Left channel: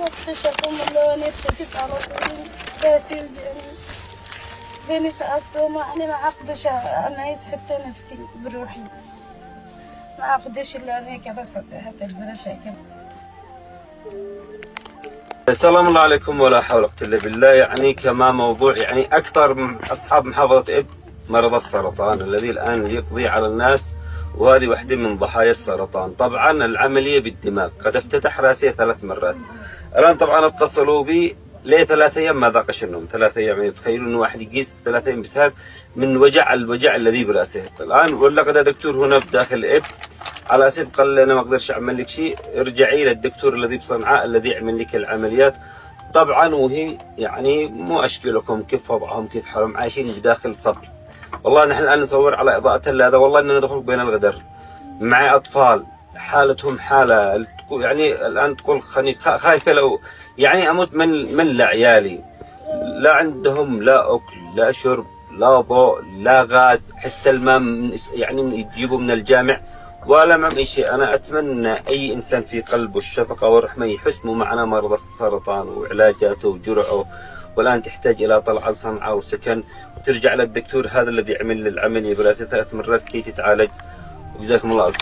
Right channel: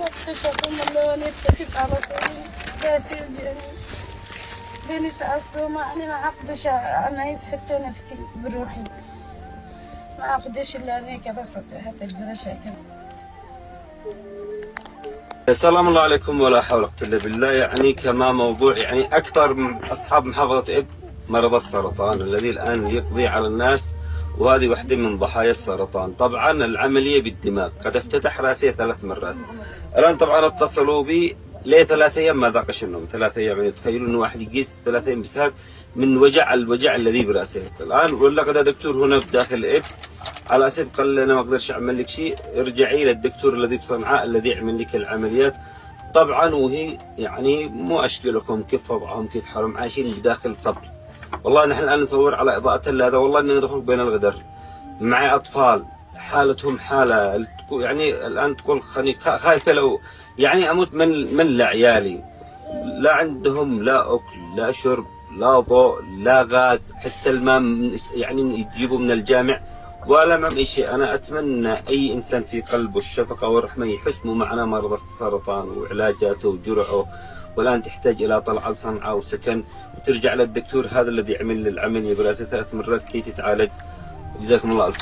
واكتشفوا من يرتكز على طول باسل بني سأصوم أنا ما أقدرش أميز حتى نفسي بروحي ما أقدرش إلا أنا كذا حتى البرشة. السلام الله عليكم ولا حول ولا قوة إلا بالله. يعني كما موضوع يعني أكثر من أصحاب محافظة إب مرض السرطان الذي الآن يقضي على الناس، وهذه واحدة من ضحايا السرطان. طبعا العملية بالدماغ، قد افتتح راسي 3 مرات. الآن طبعا اتصلوا بي لي 3 أيام ما ذاقش النوم. 3 أيام يعني تخيلوا إنه واحد يقيس 3 أيام بسبب من الوجع الذي براسه. الآن ولا قد دكتور هنا داخل إب على اساس قال لي انا ما اقدرش اعمل لك شيء، ارجعي للدكتور الذي بصنعاء الذي يعمل لك العمليات. طبعا وهي يعني مو اشكالكم كيف وضعهم كيف حالهم عايشين بداخل صبر. والله نحن الان نصور على اضاءه هذا، والله اننا ندخل بين الغدر مع اطفال حالتهم حاله يعني الان تقول خايفه لو يعني اموت من لعيالي. لا عندهم لا اكل لا شرب لا ضوء لا غاز، حتى الماء يعني يجيبوا من الجامع ولا معهم أي شيء. أنا أتمنى أي إنسان في قلبه الشفقة والرحمة يحس معنا مرضى السرطان وعلاجاته وجرعه، والآن تحتاج إلى طلعة صنعاء وسكن وترجع للدكتور هذا الذي عمل العملية براسه 3 مرات كي تتعالج. جزاكم الله.